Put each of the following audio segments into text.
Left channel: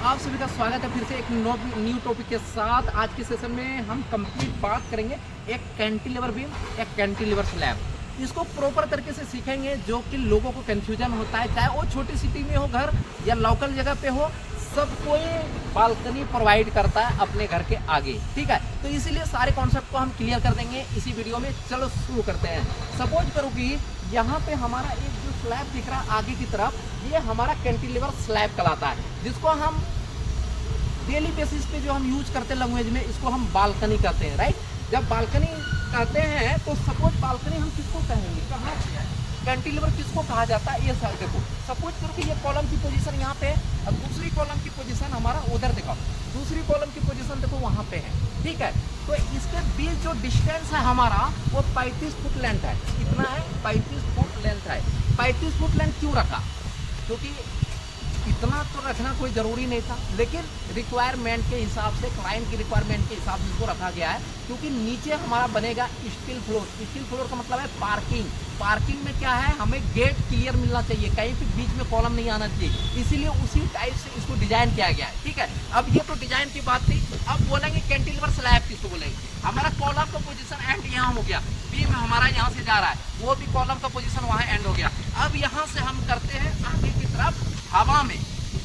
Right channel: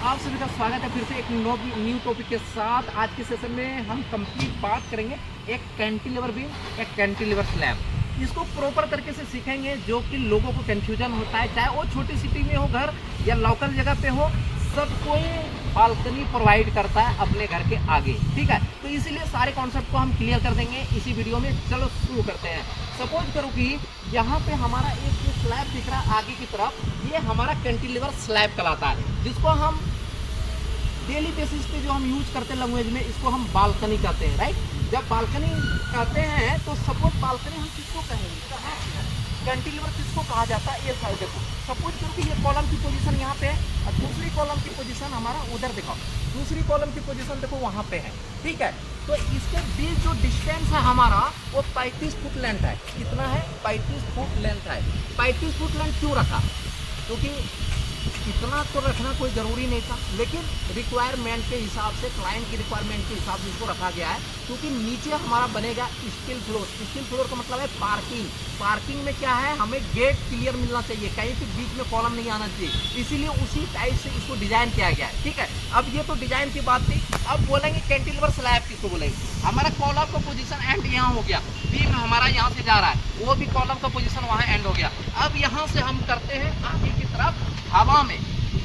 आप सभी का स्वागत है फिर से एक न्यू टॉपिक के साथ। आज के सेशन में हम कंप्लीट बात करेंगे एक कैंटिलीवर बीम, एक कैंटिलीवर स्लैब। इसको प्रॉपर तरीके से सीखेंगे जो कि लोगों को कंफ्यूजन होता है, चाहे वो छोटी सिटी में हो घर या लोकल जगह पे हो, सब कोई बालकनी प्रोवाइड करता है अपने घर के आगे। ठीक है, तो इसीलिए सारे कॉन्सेप्ट को हम क्लियर कर देंगे इसी वीडियो में। चलो शुरू करते हैं। सपोज करो कि यहाँ पे हमारा एक जो स्लैब दिख रहा है आगे की तरफ, ये हमारा कैंटिलीवर स्लैब कहलाता है, जिसको हम डेली बेसिस पे जो हम यूज करते हैं लैंग्वेज में, इसको हम बालकनी कहते हैं। राइट, जब बालकनी कहते हैं तो सपोज बालकनी हम किसको कहेंगे, कहाँ से है कैंटिलीवर किसको कहा जाता है। ये साइड देखो, सपोज करो कि ये कॉलम की पोजीशन यहाँ पे है, अब दूसरी कॉलम की पोजीशन हमारा उधर दिखाओ, दूसरी कॉलम की पोजीशन देखो वहाँ पे है। ठीक है, तो इसके बीच जो डिस्टेंस है हमारा वो 35 फुट लेंथ है। कितना है? 35 फुट लेंथ है। 35 फुट लेंथ क्यों रखा? क्योंकि इतना तो रखना कोई ज़रूरी नहीं था, लेकिन रिक्वायरमेंट के हिसाब से, क्लाइंट की रिक्वायरमेंट के हिसाब से इसको रखा गया है। क्योंकि नीचे हमारा बनेगा स्टील फ्लोर। स्टील फ्लोर का मतलब है पार्किंग। पार्किंग में क्या है, हमें गेट क्लियर मिलना चाहिए, कहीं से बीच में कॉलम नहीं आना चाहिए, इसीलिए उसी टाइप से इसको डिजाइन किया गया है। ठीक है, अब ये तो डिजाइन की बात थी। अब बोलेंगे कैंटिलीवर स्लैब किसको बोलेंगे। हमारा कॉलम का पोजीशन एंड यहाँ हो गया, बीम हमारा यहाँ से जा रहा है, वो भी कॉलम का पोजीशन वहाँ एंड हो गया। अब यहाँ से हम करते हैं आगे की तरफ हवा में,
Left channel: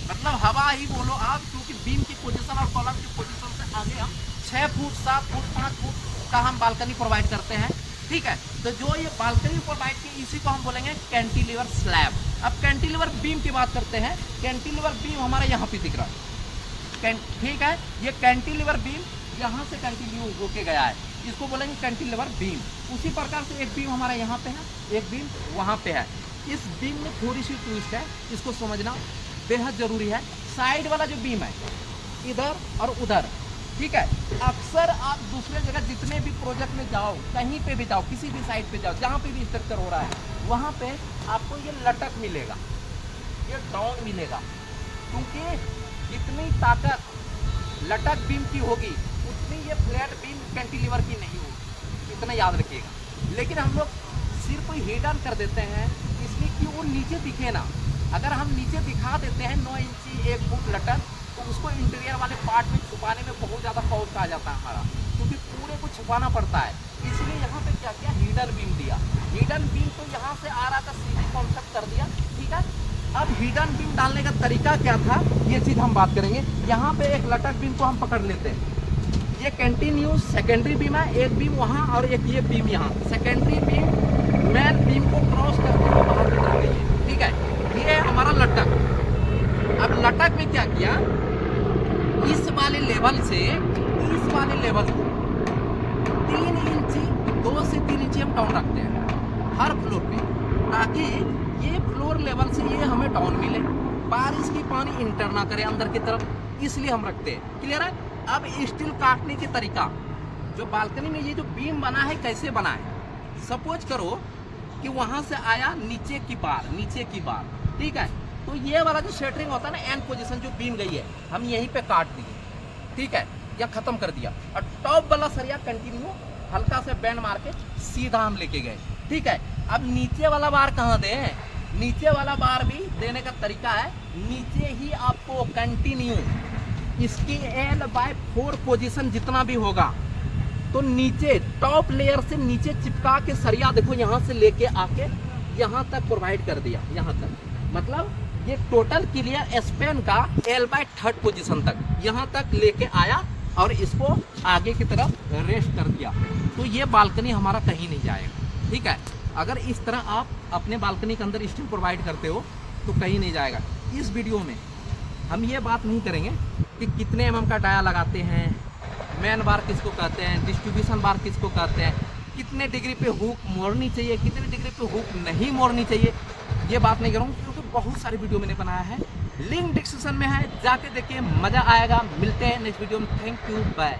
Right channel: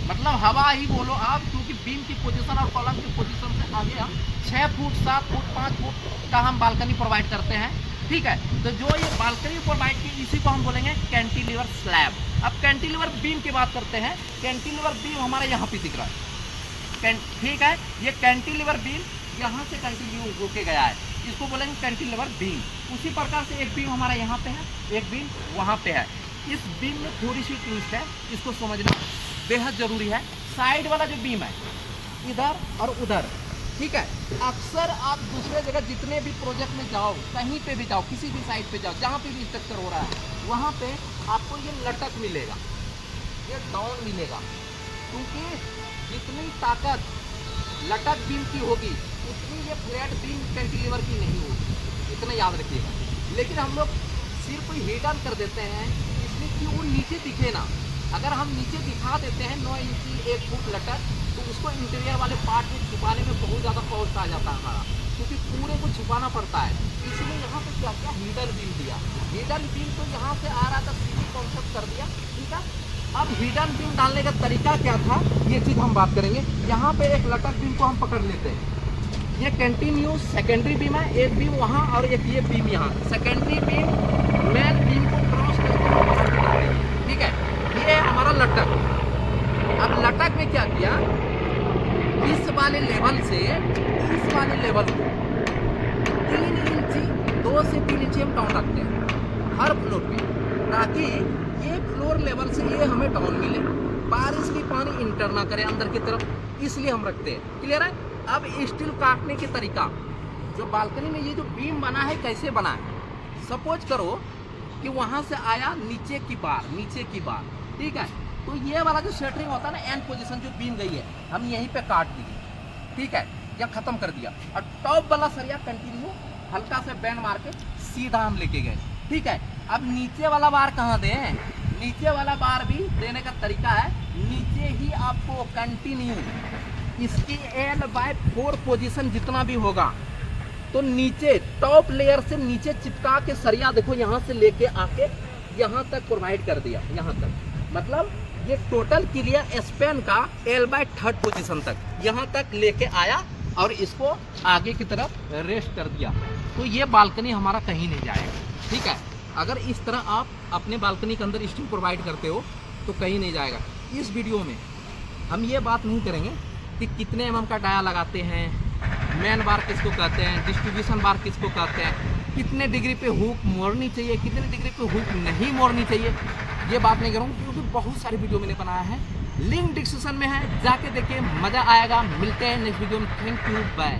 मतलब हवा ही बोलो आप, क्योंकि बीम की पोजीशन और कॉलम की पोजीशन से आगे हम 6 फुट 7 फुट 5 फुट का हम बालकनी प्रोवाइड करते हैं। ठीक है, तो जो ये बालकनी प्रोवाइड की इसी को हम बोलेंगे कैंटिलीवर स्लैब। अब कैंटिलीवर बीम की बात करते हैं। कैंटिलीवर बीम हमारे यहाँ पे दिख रहा है। ठीक है, ये कैंटिलीवर बीम यहाँ से कंटिन्यू होके गया है, इसको बोलेंगे कैंटिलीवर बीम। उसी प्रकार से एक बीम हमारा यहाँ पे है, एक बीम वहाँ पे है। इस बीम में थोड़ी सी ट्विस्ट है, इसको समझना बेहद जरूरी है। साइड वाला जो बीम है इधर और उधर, ठीक है, अक्सर आप दूसरे जगह जितने भी प्रोजेक्ट में जाओ, कहीं पे भी जाओ, किसी भी साइड पे जाओ, जहाँ पे भी स्ट्रक्चर हो रहा है, वहाँ पे आपको ये लटक मिलेगा, ये डाउन मिलेगा। क्योंकि जितनी ताकत लटक बीम की होगी उतनी ये फ्लैट बीम कैंटिलीवर की नहीं होगी, इतना याद रखिएगा। लेकिन हम लोग सिर्फ हिट ऑन कर देते हैं इसलिए कि वो नीचे दिखे ना। अगर हम नीचे दिखा देते हैं 9 इंची 1 फुट लटक, तो उसको इंटीरियर वाले पार्ट में छुपाने में बहुत ज़्यादा कॉस्ट आ जाता है हमारा, क्योंकि पूरे को छुपाना पड़ता है। इसलिए यहाँ पे क्या किया, हिडन बीम दिया। हिडन बीम तो यहाँ से आ रहा था, सीधी कॉन्सेप्ट कर दिया। ठीक है, अब हिडन बीम डालने का तरीका क्या था, ये चीज़ हम बात करेंगे। यहाँ पे एक लटक बीम को हम पकड़ लेते हैं, ये कंटिन्यू सेकेंडरी बीम है, एक बीम वहाँ और एक ये बीम यहाँ। सेकेंडरी बीम मेन बीम को क्रॉस करके बाहर निकलती है। ठीक है, ये है हमारा लटक। अब लटक में क्या किया, इस वाले लेवल से इस वाले लेवल को 3 इंची 2 से 3 इंची हम डाउन रखते हैं हर फ्लोर पे, ताकि ये फ्लोर लेवल से ये हमें डाउन मिले, बारिश की पानी इंटर ना करे अंदर की तरफ, इसलिए हम रखते हैं। क्लियर है? अब स्टील काटने के तरीका, जो बालकनी में ये जो बीम बना है कैसे बना है, सपोज करो कि वहां से आया नीचे की बार, ठीक है, तो ये वाला जो सेटरिंग होता है ना, एंड पोजीशन जो बीम गई है, हम यहीं पे काट दिए। ठीक है, या खत्म कर दिया, और टॉप वाला सरिया कंटिन्यू हल्का से बैंड मार के सीधा हम लेके गए। ठीक है, अब नीचे वाला बार कहाँ दें, नीचे वाला बार भी देने का तरीका है, नीचे ही आपको कंटिन्यू इसकी L/4 पोजीशन जितना भी होगा, तो नीचे टॉप लेयर से नीचे चिपका के सरिया देखो यहाँ से लेके आके यहाँ तक प्रोवाइड कर दिया। यहाँ तक मतलब ये टोटल क्लियर स्पेन का L/3 पोजीशन तक यहाँ तक लेके आया और इसको आगे की तरफ रेस्ट कर दिया। तो ये बालकनी हमारा कहीं नहीं जाएगा। ठीक है, अगर इस तरह आप अपने बालकनी के अंदर स्टील प्रोवाइड करते हो तो कहीं नहीं जाएगा। इस वीडियो में हम ये बात नहीं करेंगे कि कितने mm का डाया लगाते हैं, मेन बार किसको कहते हैं, डिस्ट्रीब्यूशन बार किसको कहते हैं, कितने डिग्री पे हुक मोड़नी चाहिए, कितने डिग्री पे हुक नहीं मोड़नी चाहिए, ये बात नहीं करूँगा, क्योंकि बहुत सारी वीडियो मैंने बनाया है, लिंक डिस्क्रिप्शन में है, जाके देखिए, मज़ा आएगा। मिलते हैं नेक्स्ट वीडियो में। Thank you, bye.